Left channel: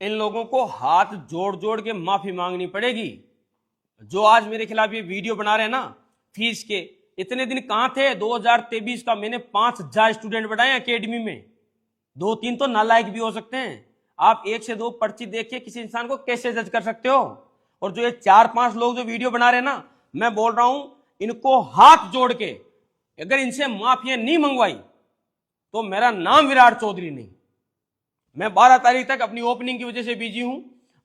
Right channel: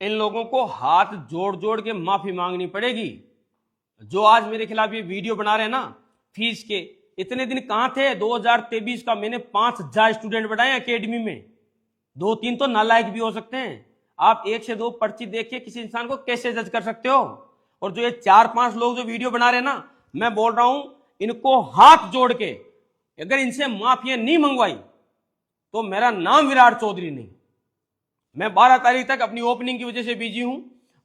इन लोगों को हाथ जोड़ जोड़ के माफी मांगनी पड़ेगी। जो आज मेरे खिलाफ ये वीडियो बना रहे हैं ना फीस के, इतने दिन कहां थे? 2023 का मैंने 5000 स्टूडेंट बढ़ाए एकेडमी में। 2-3 तो नालायक भी हो सकते हैं। आप 1 से 2 पर्ची देख के किसी इंसान को कैसे जज कर सकते हो? और जो ये 4-5 लोग जो वीडियो बना रहे हैं ना, मैं बोल रहा हूं इनको हाथ जोड़ के अगर इनसे माफिया नहीं मंगवाई तो मेरा नाम विराट चौधरी नहीं। मैं 12 तारीख तक अपनी ओपनिंग की वजह से बिजी हूं।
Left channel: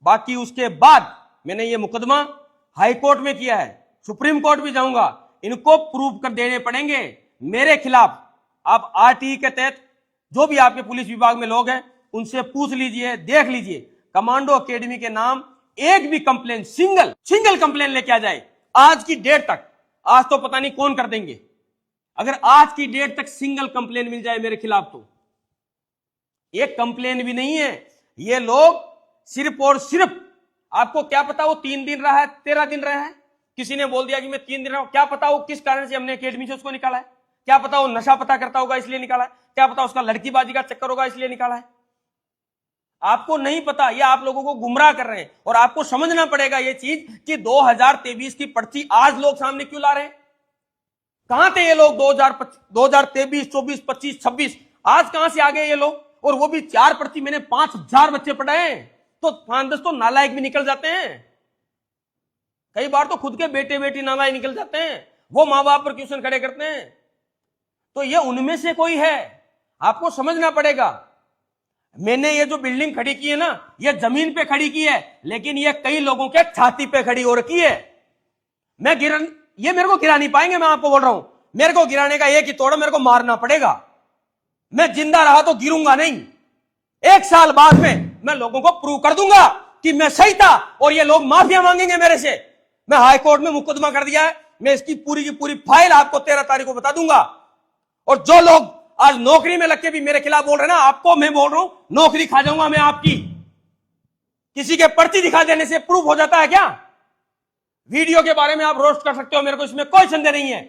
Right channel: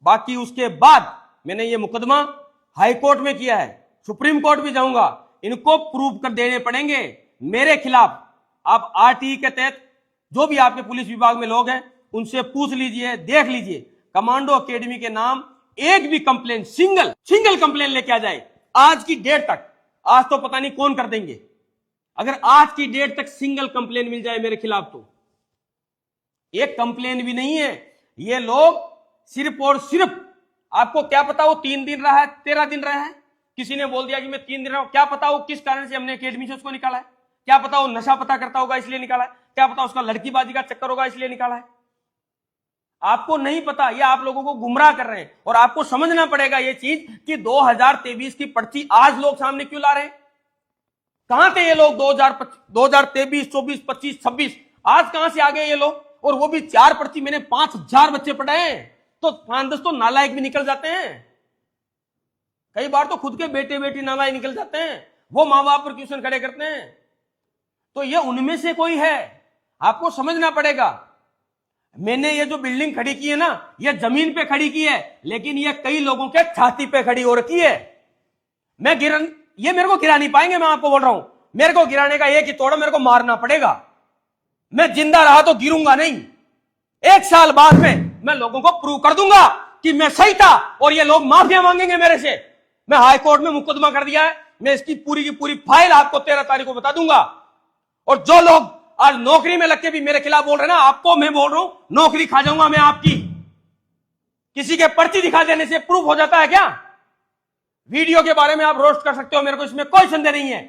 बाकी उसके बाद मैंने ये मुकदमा हाई कोर्ट में किया है, सुप्रीम कोर्ट भी जाऊंगा। इनको प्रूव कर देने पड़ेंगे मेरे खिलाफ। आप आरटीई के तहत जो भी आपके पुलिस विभाग में लोग हैं उनसे पूछ लीजिए, देख लीजिए, कमांडो एकेडमी के नाम एक भी कंप्लेन, सिंगल कंप्लेन लेके आ जाए आज की डेट तक। आज तो पता नहीं कौन कर देंगे। अगर आज की डेट तक सिंगल कंप्लेन मिल जाए मेरे खिलाफ तो एक कंप्लेन भी नहीं है। ये लोग सिर्फ और सिर्फ, आपको क्या पता वो 3 दिन रहा है, 13 दिन रहा है। किसी ने बोल दिया कि मैं 3 दिन रहा हूं, क्या पता वो किस कारण से हमने एकेडमी से उसको निकाला है। क्या पता वो नशा पता करता होगा इसलिए निकाला है। क्या पता उसका लड़कीबाजी का चक्कर होगा इसलिए निकाला है। आपको नहीं पता। ये आप लोगों को गुमराह कर रहे हैं। और आपको समझना पड़ेगा ये चीज कि 2023 की पर्ची आज लोग सामने क्यों ला रहे हैं। कहां थे ये लोग 2023, 24, 25, 26? आज कहां से आ गए ये लोग? और वो भी 4 पर्ची मैंने 5000 बच्चे पढ़ाए। तो 5-10 तो नालायक भी निकल जाते हैं। कई बार तो खुद के बेटे बेटी नालायक निकल जाते हैं। वो माँ बाप पर क्वेश्चन खड़े करते हैं। तो ये उनमें से कोई है। आपको समझना पड़ेगा। मैंने ये जो बिल्डिंग खड़ी की है ना, ये जमीन पे खड़ी की है, लेकिन ये कई लोगों के छाती पे खड़ी हो रखी है। ये मेरे को गिरा नहीं पाएंगे। मैं आपको बोल रहा हूं, मेरे को गिराने का एक ही तोड़, मेरे को मारना पड़ेगा। मैं जिंदा रहा तो गिरूंगा नहीं। 1 साल बाद में मैं लोगों को प्रूव कर दूंगा कि मैं सही था और ये लोग माफिया मांगेंगे मेरे से। मैं हाई कोर्ट में मुकदमा कर दिया है। मैं इसकी पूरी की पूरी फाइल आपको 13 तारीख को बता दूंगा। और जो लोग आज नौकरी में लग के भी मेरे खिलाफ बोल रहे हैं ना, आपको मैं बोल रहा हूं नौकरी खा जाऊंगा मैं आपकी। किसी के पर्ची दिखा देने से प्रूफ हो जाता है क्या? वीडियो के बारे में आप रोस्ट कर सकते हो, मेरे को इसमें कोई संदेह नहीं है।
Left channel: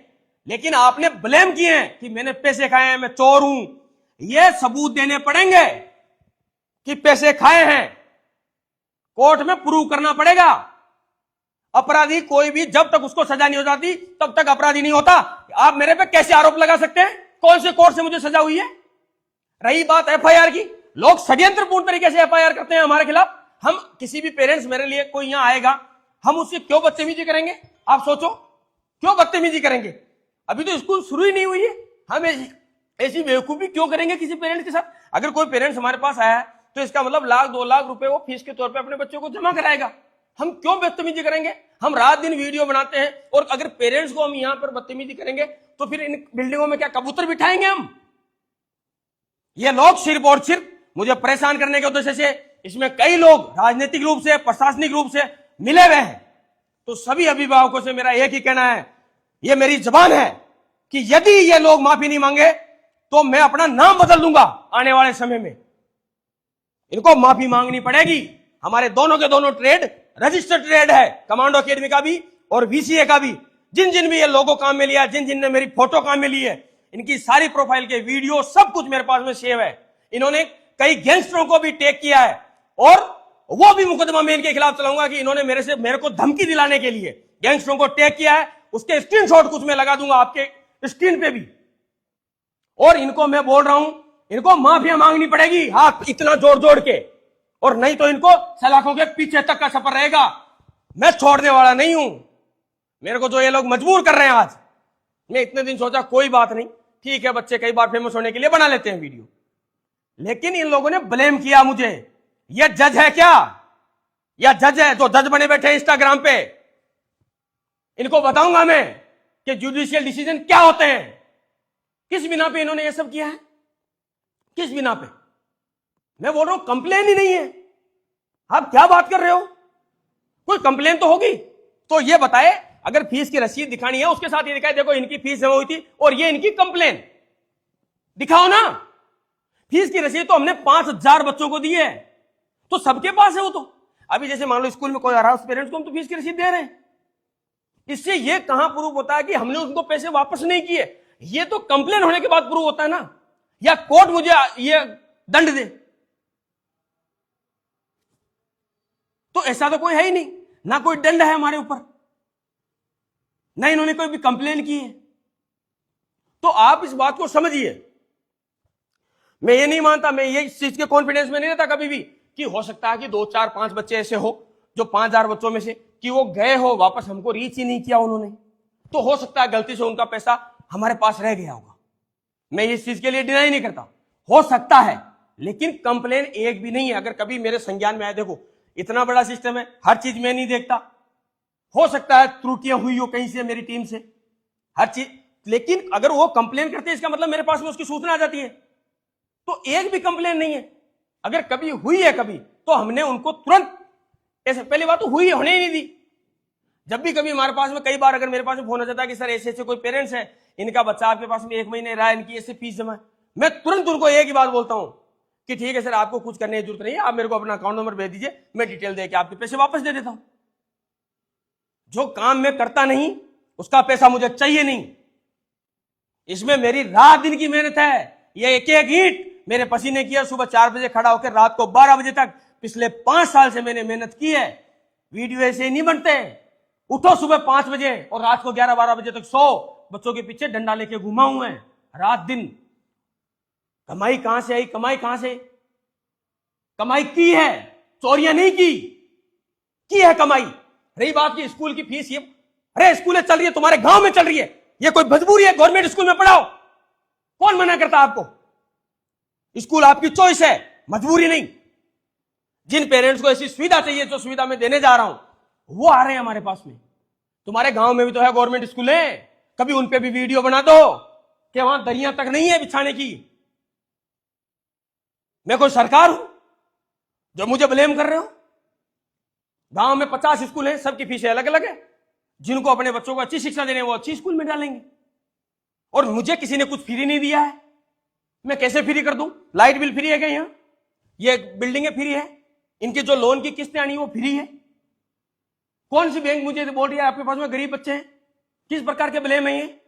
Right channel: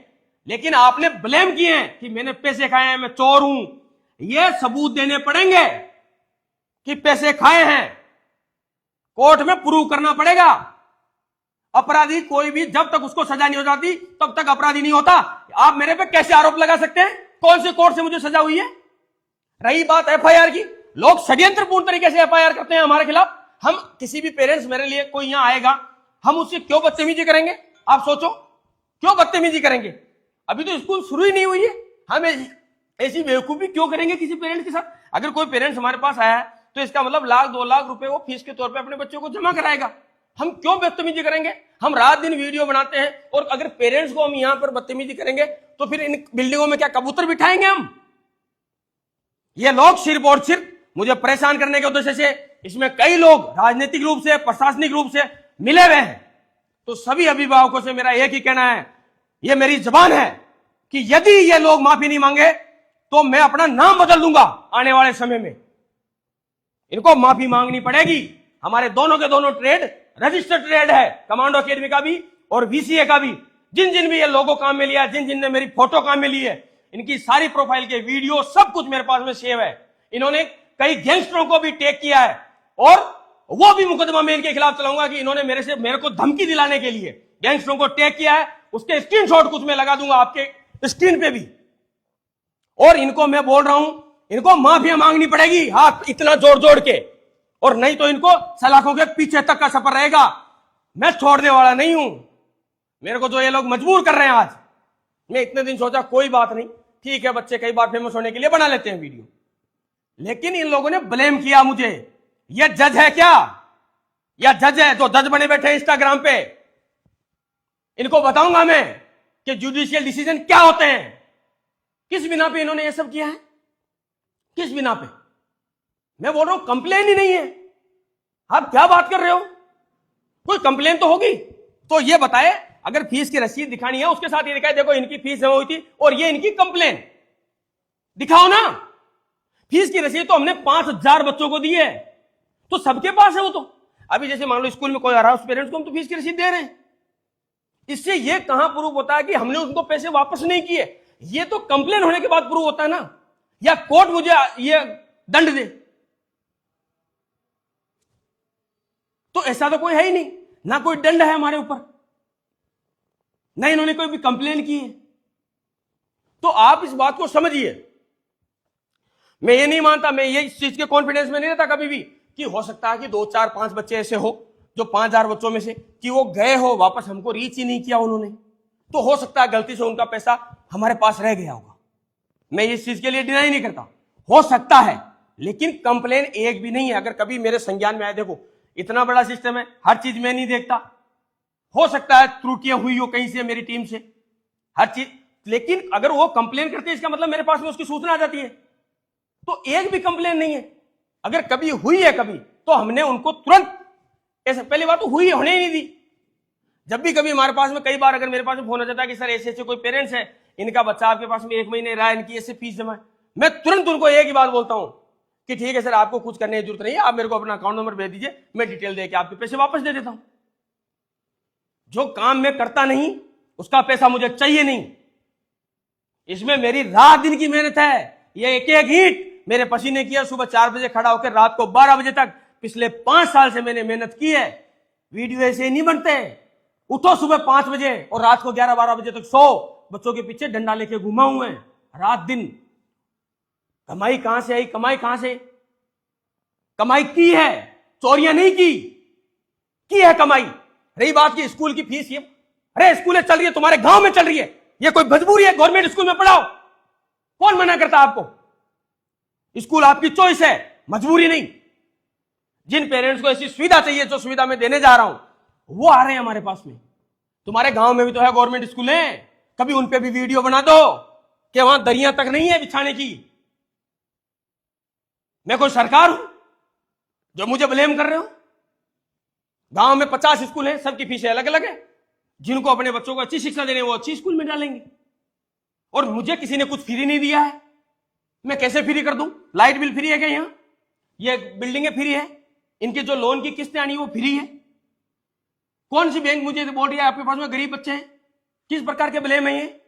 लेकिन आपने ब्लेम किए हैं कि मैंने पैसे खाए हैं, मैं चोर हूं। ये सबूत देने पड़ेंगे कि पैसे खाए हैं। कोर्ट में प्रूव करना पड़ेगा। अपराधी कोई भी जब तक उसको सजा नहीं हो जाती तब तक अपराधी नहीं होता। आप मेरे पे कैसे आरोप लगा सकते हैं? कौन से कोर्ट से मुझे सजा हुई है? रही बात एफआईआर की, लोग षड्यंत्रपूर्ण तरीके से एफआईआर करते हैं हमारे खिलाफ। हम किसी भी पेरेंट्स, मेरे लिए कोई यहां आएगा, हम उससे क्यों बदतमीजी करेंगे? आप सोचो, क्यों बदतमीजी करेंगे? अभी तो स्कूल शुरू ही नहीं हुई है। हम ऐसी बेवकूफी क्यों करेंगे किसी पेरेंट्स के साथ? अगर कोई पेरेंट्स हमारे पास आया है तो इसका मतलब 1-2 लाख रुपए वो फीस के तौर पे अपने बच्चों को जमा कराएगा। हम क्यों बदतमीजी करेंगे? हम रात दिन वीडियो बनाते हैं और अगर पेरेंट्स को हम यहां पर बदतमीजी करेंगे तो फिर इन बिल्डिंगों में क्या कबूतर बिठाएंगे हम? ये लोग सिर्फ और सिर्फ मुझे परेशान करने के उद्देश्य से, इसमें कई लोग राजनीतिक रूप से, प्रशासनिक रूप से मिले हुए हैं। तो सभी अभिभावकों से मेरा एक ही कहना है, ये मेरी जबान है कि यदि ये लोग माफी नहीं मांगे तो मैं अपना नाम बदल दूंगा आने वाले समय में। इनको माफी मांगनी पड़ेगी। हमारे दोनों के दोनों ट्रेड रजिस्टर्ड ट्रेड है, कमांडो एकेडमी का भी और वीसीए का भी। जिन जिन भी ये लोगों काम में लिया, जिन जिन ने मेरी फोटो काम में ली है, इनकी सारी प्रोफाइल के वीडियो सब कुछ मेरे पास में सेव है। इन्होंने कई गैंगस्टरों को भी टेक किया है और वो भी मुकदमा मैं इनके खिलाफ चलाऊंगा कि इन्होंने मेरे को धमकी दिलाने के लिए गैंगस्टरों को टेक किया है। उसके स्क्रीनशॉट कुछ मैं लगा दूंगा आपके स्क्रीन पे भी। और इनको मैं बोल रहा हूं, इनको माफिया मांगनी पड़ेगी हाथ इतना जोड़ जोड़ के, और नहीं तो इनको सलाखों के पीछे तक का सफर रहेगा। मैं छोड़ने वाला नहीं हूं। मेरे को जो ये लोग मजबूर कर रहे हैं आज, मैं इतने दिन सोचा कोई बात नहीं, ठीक है, बच्चे कई बार फेमस होने के लिए बना लेते हैं वीडियो, लेकिन इन लोगों ने ब्लेम किया मुझे। ये जज है क्या? या जज है जो जज बने बैठे हैं इंस्टाग्राम पे? इनको बताऊंगा मैं कि जुडिशियल डिसीजन क्या होते हैं। किस बिना पे इन्होंने ये सब किया है? किस बिना पे? मैं बोल रहा हूं कंप्लेन ही नहीं है। आप क्या बात कर रहे हो? कोई कंप्लेन तो होगी। तो ये बताए, अगर फीस की रसीद दिखानी है उसके साथ ये दिखाए, देखो इनकी फीस जमा हुई थी और ये इनकी कंप्लेन दिखाओ ना। फीस की रसीद तो हमने 5000 बच्चों को दी है, तो सबके पास है वो। तो अभी जैसे मान लो स्कूल में कोई आ रहा है, उस पेरेंट्स को हम तो फीस की रसीद दे रहे हैं। इससे ये कहां प्रूव होता है कि हमने उनको पैसे वापस नहीं किए? ये तो कंप्लेन होने के बाद प्रूव होता है ना, या कोर्ट मुझे ये दंड दे। तो ऐसा तो कोई है ही नहीं, ना कोई दंड है हमारे ऊपर, ना इन्होंने कोई भी कंप्लेन की है। तो आप इस बात को समझिए। मैं ये नहीं मानता, मैं ये इस चीज के कॉन्फिडेंस में नहीं रहता कभी भी कि हो सकता है कि 2 4 5 बच्चे ऐसे हो जो 5000 बच्चों में से कि वो गए हो वापस, हमको रीच ही नहीं किया उन्होंने, तो हो सकता है गलती से उनका पैसा हमारे पास रह गया होगा। मैं इस चीज के लिए डिनाई नहीं करता, हो सकता है, लेकिन कंप्लेन एक भी नहीं है। अगर कभी मेरे संज्ञान में आए, देखो इतना बड़ा सिस्टम है, हर चीज मैं नहीं देखता, हो सकता है त्रुटियां हुई हो कहीं से मेरी टीम से, हर चीज, लेकिन अगर वो कंप्लेन करते हैं इसका मतलब मेरे पास में उसकी सूचना आ जाती है। तो एक भी कंप्लेन नहीं है। अगर कभी हुई है कभी तो हमने उनको तुरंत, ऐसे पहली बात तो हुई होने ही नहीं दी। जब भी कभी हमारे पास में, कई बार अगर मेरे पास में फोन आ जाता है कि सर ऐसे ऐसे कोई पेरेंट्स है, इनका बच्चा आपके पास में 1 महीने रहा है, इनकी ऐसे फीस जमा है, मैं तुरंत उनको एक ही बात बोलता हूं कि ठीक है सर, आपको कुछ करने की जरूरत नहीं है, आप मेरे को अपना अकाउंट नंबर भेज दीजिए, मैं डिटेल देके आपके पैसे वापस दे देता हूं। जो काम मैं करता नहीं उसका पैसा मुझे चाहिए नहीं। इसमें मेरी रात दिन की मेहनत है, ये एक एक ईंट मेरे पसीने की है। सुबह 4 बजे खड़ा होकर रात को 12 बजे तक पिछले 5 साल से मैंने मेहनत की है। वीडियो ऐसे नहीं बनते, उठो सुबह 5 बजे और रात को 11-12 बजे तक सो, बच्चों के पीछे डंडा लेके घूमा हूं मैं रात दिन। कमाई कहां से आई? कमाई कहां से? कमाई की है, चोरियां नहीं की है कमाई। रही बात की स्कूल की फीस, ये अरे स्कूलें चल रही है, तुम्हारे गांव में चल रही है, ये कोई मजबूरी है गवर्नमेंट स्कूल में पढ़ाओ? कौन मना करता आपको? स्कूल आपकी चॉइस है, मजबूरी नहीं। जिन पेरेंट्स को ऐसी सुविधा चाहिए जो सुविधा मैं देने जा रहा हूं वो आ रहे हैं हमारे पास में। तुम्हारे गांव में भी तो है गवर्नमेंट स्कूल है, कभी उन पे भी वीडियो बना दो कि वहां दरिया तक नहीं है बिछाने की। मैं कोई सरकार हूं जो मुझे ब्लेम कर रहे हो? गांव में 50 स्कूल हैं, सबकी फीसें अलग अलग है। जिनको अपने बच्चों को अच्छी शिक्षा देनी है वो अच्छी स्कूल में डालेंगे, और मुझे किसी ने कुछ फ्री नहीं दिया है, मैं कैसे फ्री कर दूं? लाइट बिल फ्री है क्या यहां? ये बिल्डिंगें फ्री है, इनके जो लोन की किस्तें आनी है वो फ्री है। कौन सी बैंक मुझे बोल रही है आपके पास में गरीब बच्चे हैं? किस प्रकार के ब्लेम है ये?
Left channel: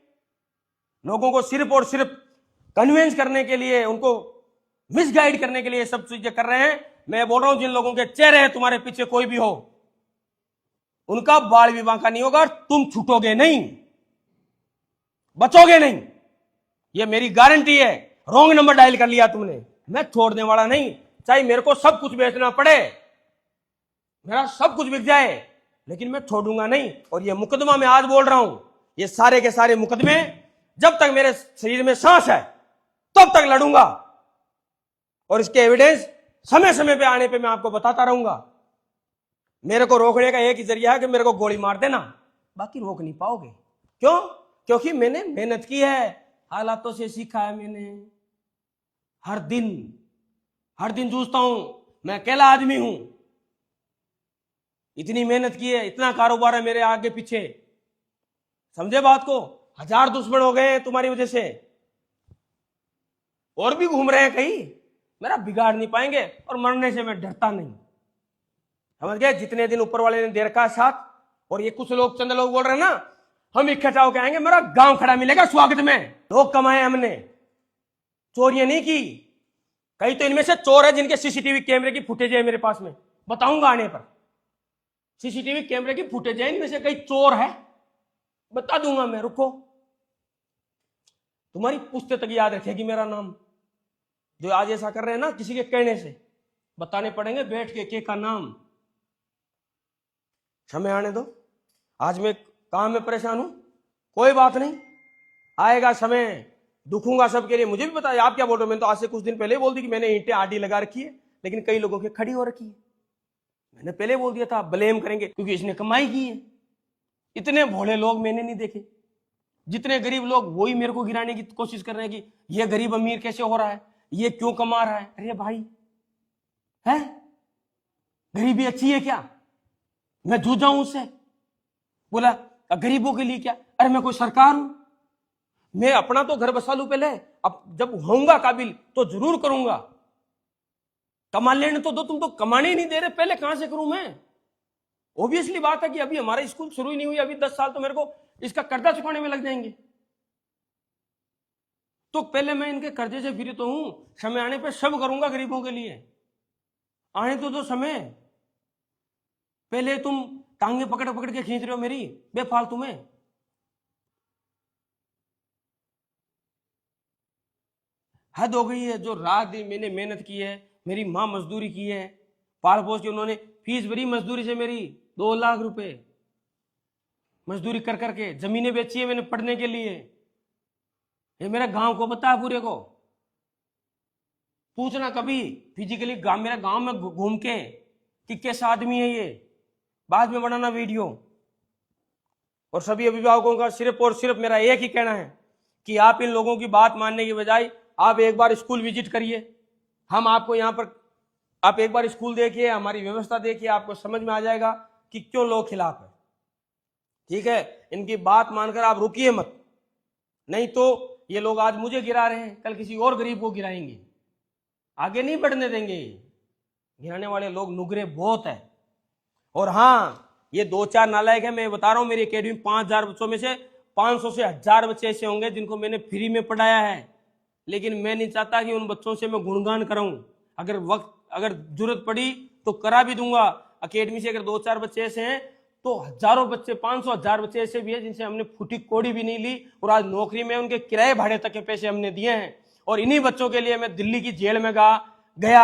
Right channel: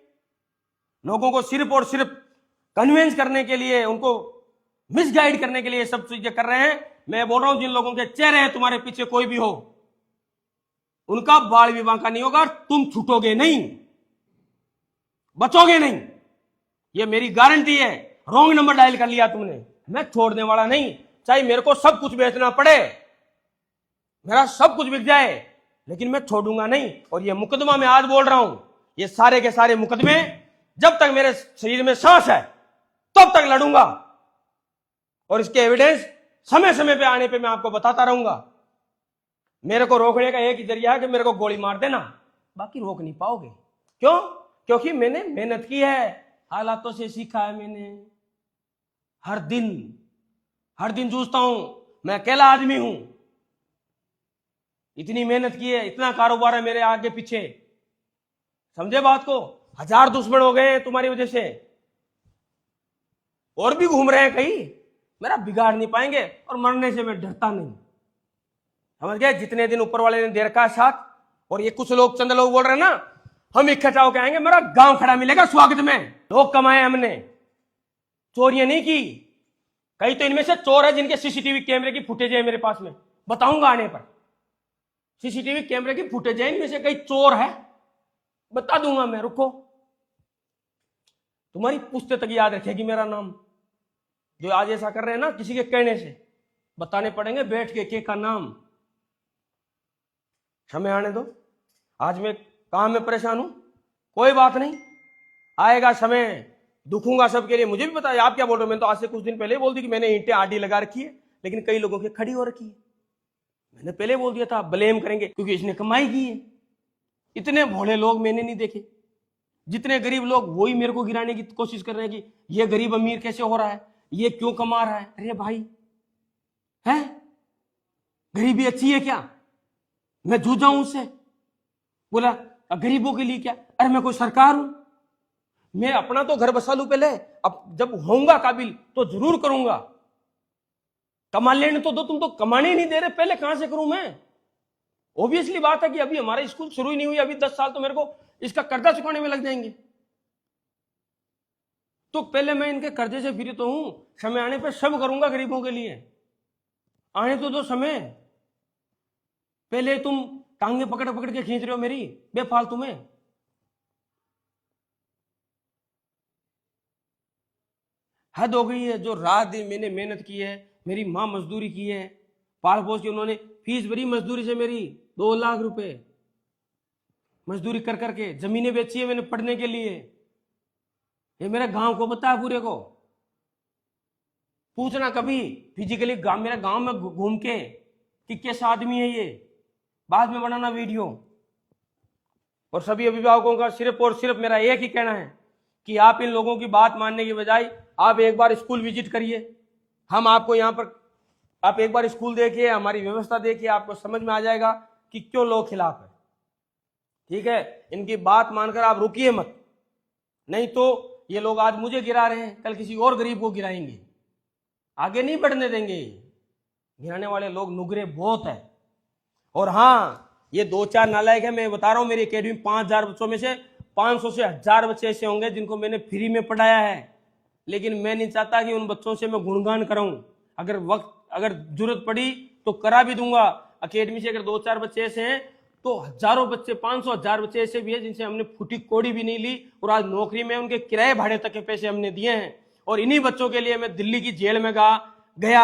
लोगों को सिर्फ और सिर्फ कन्विंस करने के लिए, उनको मिसगाइड करने के लिए सब चीजें कर रहे हैं। मैं बोल रहा हूं जिन लोगों के चेहरे हैं तुम्हारे पीछे कोई भी हो, उनका बाल विवाह का नहीं होगा, तुम छूटोगे नहीं, बचोगे नहीं, ये मेरी गारंटी है। रॉन्ग नंबर डायल कर लिया तुमने, मैं छोड़ने वाला नहीं, चाहे मेरे को सब कुछ बेचना पड़े, मेरा सब कुछ बिक जाए, लेकिन मैं छोड़ूंगा नहीं। और ये मुकदमा मैं आज बोल रहा हूं, ये सारे के सारे मुकदमे जब तक मेरे शरीर में सांस है तब तक लड़ूंगा, और इसके एविडेंस समय समय पे आने पे मैं आपको बताता रहूंगा। मेरे को रोकने का एक ही जरिया है कि मेरे को गोली मार देना, बाकी रोक नहीं पाओगे। क्यों? क्योंकि मैंने मेहनत की है, हालातों से सीखा है मैंने। हर दिन जूझता हूं, मैं अकेला आदमी हूं, इतनी मेहनत की है, इतना कारोबार है मेरे आगे पीछे, समझे बात को? 1000 दुश्मन हो गए हैं तुम्हारी वजह से, और भी घूम रहे हैं कहीं, मेरा बिगाड़ नहीं पाएंगे, और मरने से मैं डरता नहीं, समझ गए? जितने दिन ऊपर वाले ने दे रखा है साथ, और ये कुछ लोग, चंद लोग बोल रहे हैं ना हम इकट्ठा होकर आएंगे, मेरा गांव खड़ा मिलेगा स्वागत में। लोग कमाए हमने, चोरियां नहीं की। कई तो इनमें से चोर है जिनके सीसीटीवी कैमरे की फुटेज है मेरे पास में, बताऊंगा आने पर। सीसीटीवी कैमरे की फुटेज है, इनमें से कई चोर है, बता दूंगा मैं, रुको। तुम्हारी पुश्ते तक याद रखेगी मेरा नाम। जो आज ऐसा कर रहे हैं ना किसी के कहने से, बताने पड़ेंगे बैठ के का नाम। समय आने दो, आज मैं काम में परेशान हूं, कोई बात नहीं, आएगा समय, दुखूंगा सबके लिए। मुझे भी पता है आप क्या बोल रहे हो, मैंने तो आज से कुछ दिन पहले बोल दी कि मैंने ईंटें आडी लगा रखी है, लेकिन कई लोगों की खड़ी हो रखी है। मैंने पहले बोल दिया था ब्लेम करेंगे क्योंकि इसने कमाई की है। इतने भोले लोग मैंने नहीं देखे, जितने गरीब लोग वही मेरे को गिराने की कोशिश कर रहे हैं कि ये गरीब अमीर कैसे हो रहा है, ये क्यों कमा रहा है। अरे भाई है, गरीबी अच्छी है क्या? मैं जूझा हूं उससे, बोला गरीबों के लिए क्या? अरे मैं कोई सरकार हूं? मैं अपना तो घर बसा लूं पहले, अब जब होऊंगा काबिल तो जरूर करूंगा। कमा लेने तो दो, तुम तो कमाने नहीं दे रहे, पहले कहां से करूं मैं? ऑब्वियसली बात है कि अभी हमारा स्कूल शुरू ही नहीं हुई, अभी 10 साल तो मेरे को इसका कर्जा चुकाने में लग जाएंगे। तो पहले मैं इनके कर्जे से फ्री तो हूं, समय आने पे सब करूंगा गरीबों के लिए, आने तो दो समय। पहले तुम टांगे पकड़ पकड़ के खींच रहे हो मेरी बेफालतू में। हद हो गई है। जो रात दिन मैंने मेहनत की है, मेरी माँ मजदूरी की है, पाल पोस के उन्होंने फीस भरी मजदूरी से मेरी 2 लाख रुपए मजदूरी कर करके, जमीनें बेची है मैंने पढ़ने के लिए। ये मेरे गांव को पता है पूरे को। पूछना कभी फिजिकली गांव, मेरे गांव में घूम के कि कैसा आदमी है ये, बाद में बनाना वीडियो। और सभी अभिभावकों का सिर्फ और सिर्फ मेरा एक ही कहना है कि आप इन लोगों की बात मानने की बजाय आप एक बार स्कूल विजिट करिए। हम आपको यहाँ पर, आप एक बार स्कूल देखिए, हमारी व्यवस्था देखिए, आपको समझ में आ जाएगा कि क्यों लोग खिलाफ है। ठीक है, इनकी बात मानकर आप रुकिए मत, नहीं तो ये लोग आज मुझे गिरा रहे हैं, कल किसी और गरीब को गिराएंगे। आगे नहीं बढ़ने देंगे। गिराने वाले लोग नुगरे बहुत है। और हाँ, ये 2-4 नालायक है, मैं बता रहा हूं। मेरी अकेडमी 5000 बच्चों में से 500 से 1000 बच्चे ऐसे होंगे जिनको मैंने फ्री में पढ़ाया है, लेकिन मैं नहीं चाहता कि उन बच्चों से मैं गुणगान कराऊं। अगर जरूरत पड़ी तो करा भी दूंगा। अकेडमी से अगर 2-4 बच्चे ऐसे हैं तो हजारों बच्चे, 500-1000 बच्चे ऐसे भी है जिनसे हमने फूटी कोड़ी भी नहीं ली, और आज नौकरी में उनके किराए भाड़े तक के पैसे हमने दिए हैं। और इन्हीं बच्चों के लिए मैं दिल्ली की जेल में गया।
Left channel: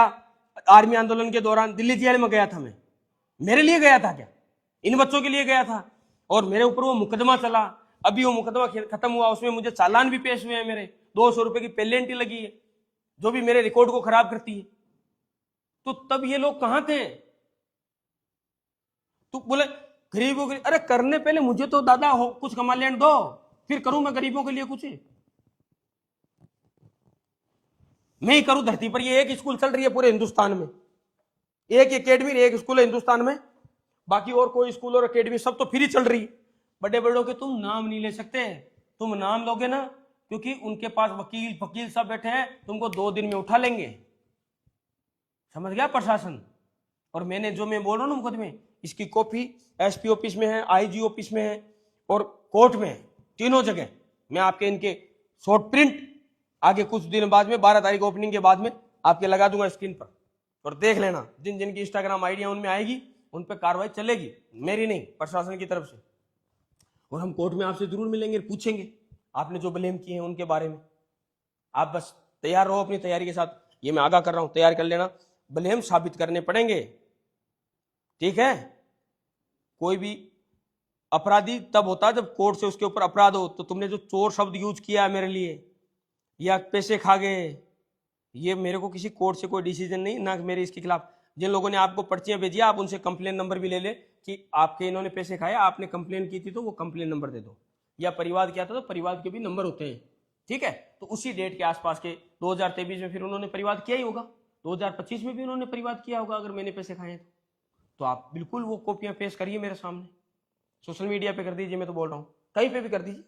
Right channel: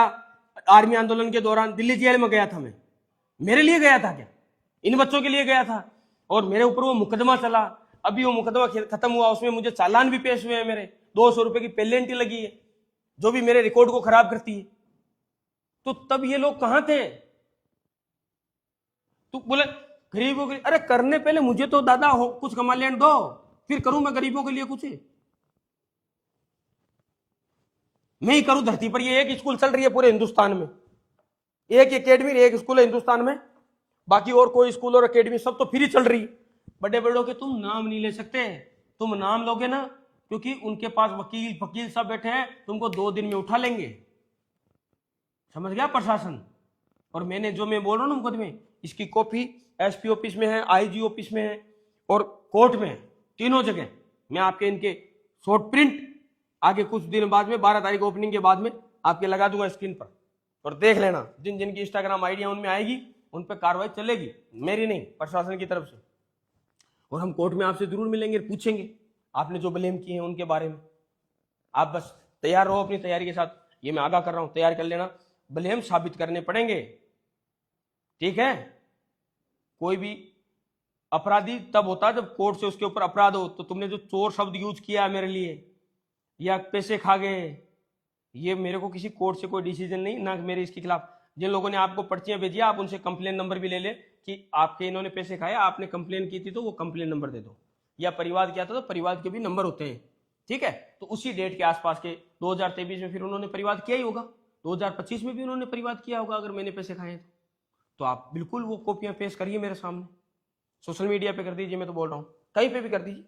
आर्मी आंदोलन के दौरान दिल्ली जेल में गया था। मैं मेरे लिए गया था क्या? इन बच्चों के लिए गया था। और मेरे ऊपर वो मुकदमा चला, अभी वो मुकदमा खत्म हुआ, उसमें मुझे चालान भी पेश हुए हैं। मेरे 200 रुपए की पेनल्टी लगी है, जो भी मेरे रिकॉर्ड को खराब करती है। तो तब ये लोग कहां थे? तू बोले गरीबों के लिए, अरे करने पहले मुझे तो दादा हो कुछ कमा लेने दो, फिर करूं मैं गरीबों के लिए कुछ। मैं ही करूं धरती पर। ये एक स्कूल चल रही है पूरे हिंदुस्तान में, एक एकेडमी, एक स्कूल है हिंदुस्तान में। बाकी और कोई स्कूल और एकेडमी सब तो फ्री चल रही है। बड़े बड़ों के तुम नाम नहीं ले सकते। तुम नाम लोगे ना, क्योंकि उनके पास वकील सब बैठे हैं, तुमको 2 दिन में उठा लेंगे। समझ गया प्रशासन? और मैंने जो मैं बोल रहा हूं ना मुकदमे, इसकी कॉपी एसपी ऑफिस में है, आईजी ऑफिस में है और कोर्ट में है, तीनों जगह। मैं आपके इनके शॉर्ट प्रिंट आगे कुछ दिन बाद में 12 तारीख ओपनिंग के बाद में आपके लगा दूंगा स्क्रीन पर, और देख लेना। जिन जिन की इंस्टाग्राम आईडी उनमें आएगी, उन पर कार्रवाई चलेगी, मेरी नहीं, प्रशासन की तरफ से। और हम कोर्ट में आपसे जरूर मिलेंगे, पूछेंगे आपने जो ब्लेम किए हैं उनके बारे में। आप बस तैयार रहो अपनी तैयारी के साथ। ये मैं आगाह कर रहा हूं, तैयार कर लेना। ब्लेम साबित करने पड़ेंगे, ठीक है? कोई भी अपराधी तब होता है जब कोर्ट से उसके ऊपर अपराध हो। तो तुमने जो चोर शब्द यूज किया है मेरे लिए, या पैसे खा गए, ये मेरे को किसी कोर्ट से कोई डिसीजन नहीं, ना मेरे इसके खिलाफ। जिन लोगों ने आपको पर्चियां भेजी, आप उनसे कंप्लेन नंबर भी ले ले कि आपके इन्होंने पैसे खाए, आपने कंप्लेन की थी तो वो कंप्लेन नंबर दे दो, या परिवाद किया था तो परिवाद के भी नंबर होते हैं, ठीक है? तो उसी डेट के आसपास के 2023 में फिर उन्होंने परिवाद किया ही होगा, 2025 में भी उन्होंने परिवाद किया होगा अगर मैंने पैसे खाए तो आप बिल्कुल वो कॉपियां पेश करिए मेरे सामने, सोशल मीडिया पे कर दीजिए, मैं तो बोल रहा हूँ कहीं पे भी कर दीजिए।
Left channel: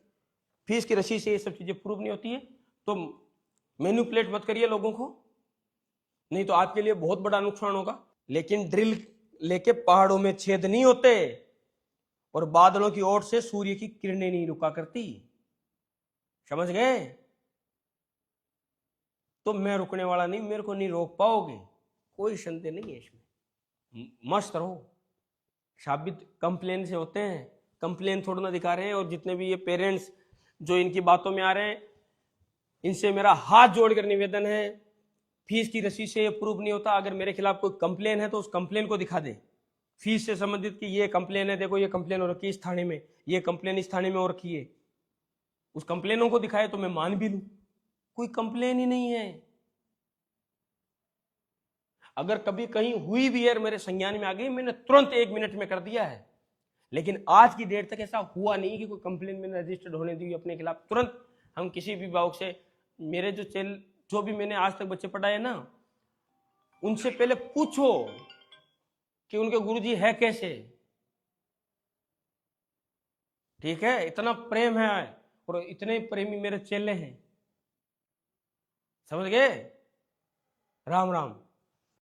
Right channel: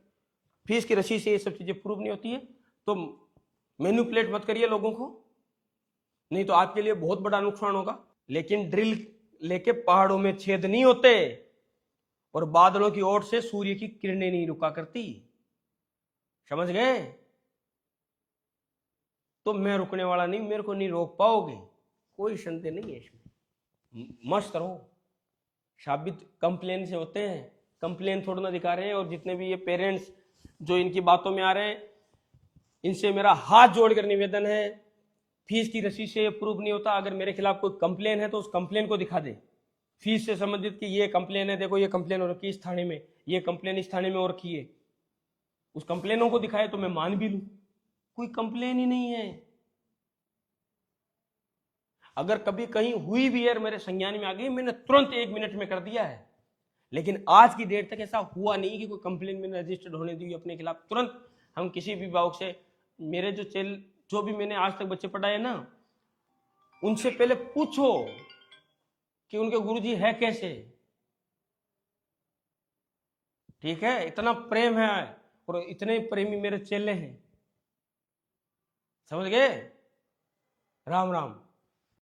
फीस की रसीद से ये सब चीजें प्रूव नहीं होती है, तो मैनिपुलेट मत करिए लोगों को, नहीं तो आपके लिए बहुत बड़ा नुकसान होगा। लेकिन ड्रिल लेके पहाड़ों में छेद नहीं होते, और बादलों की ओर से सूर्य की किरणें नहीं रुका करती। समझ गए? तो मैं रुकने वाला नहीं, मेरे को नहीं रोक पाओगे, कोई संदेह नहीं है इसमें। मस्त रहो। साबित कंप्लेन से होते हैं, कंप्लेन थोड़ा ना दिखा रहे हैं। और जितने भी ये पेरेंट्स जो इनकी बातों में आ रहे हैं, इनसे मेरा हाथ जोड़कर निवेदन है, फीस की रसीद से ये प्रूफ नहीं होता। अगर मेरे खिलाफ कोई कंप्लेन है तो उस कंप्लेन को दिखा दे, फीस से संबंधित कि ये कंप्लेन है, देखो ये कंप्लेन हो रखी है इस थाने में, ये कंप्लेन इस थाने में हो रखी है, उस कंप्लेनों को दिखाए तो मैं मान भी लूं। कोई कंप्लेन ही नहीं है। अगर कभी कहीं हुई भी है, मेरे संज्ञान में आ गई, मैंने तुरंत 1 मिनट में कर दिया है। लेकिन आज की डेट तक ऐसा हुआ नहीं कि कोई कंप्लेन मैंने रजिस्टर्ड होने दी अपने खिलाफ। तुरंत हम किसी भी भावक से, मेरे जो भी मैंने आज तक बच्चे पढ़ाए ना, उनसे पहले पूछो कि उनके गुरुजी है कैसे, ठीक है? इतना प्रेम है और इतने प्रेमी मेरे चेले हैं। समझ गए? राम राम।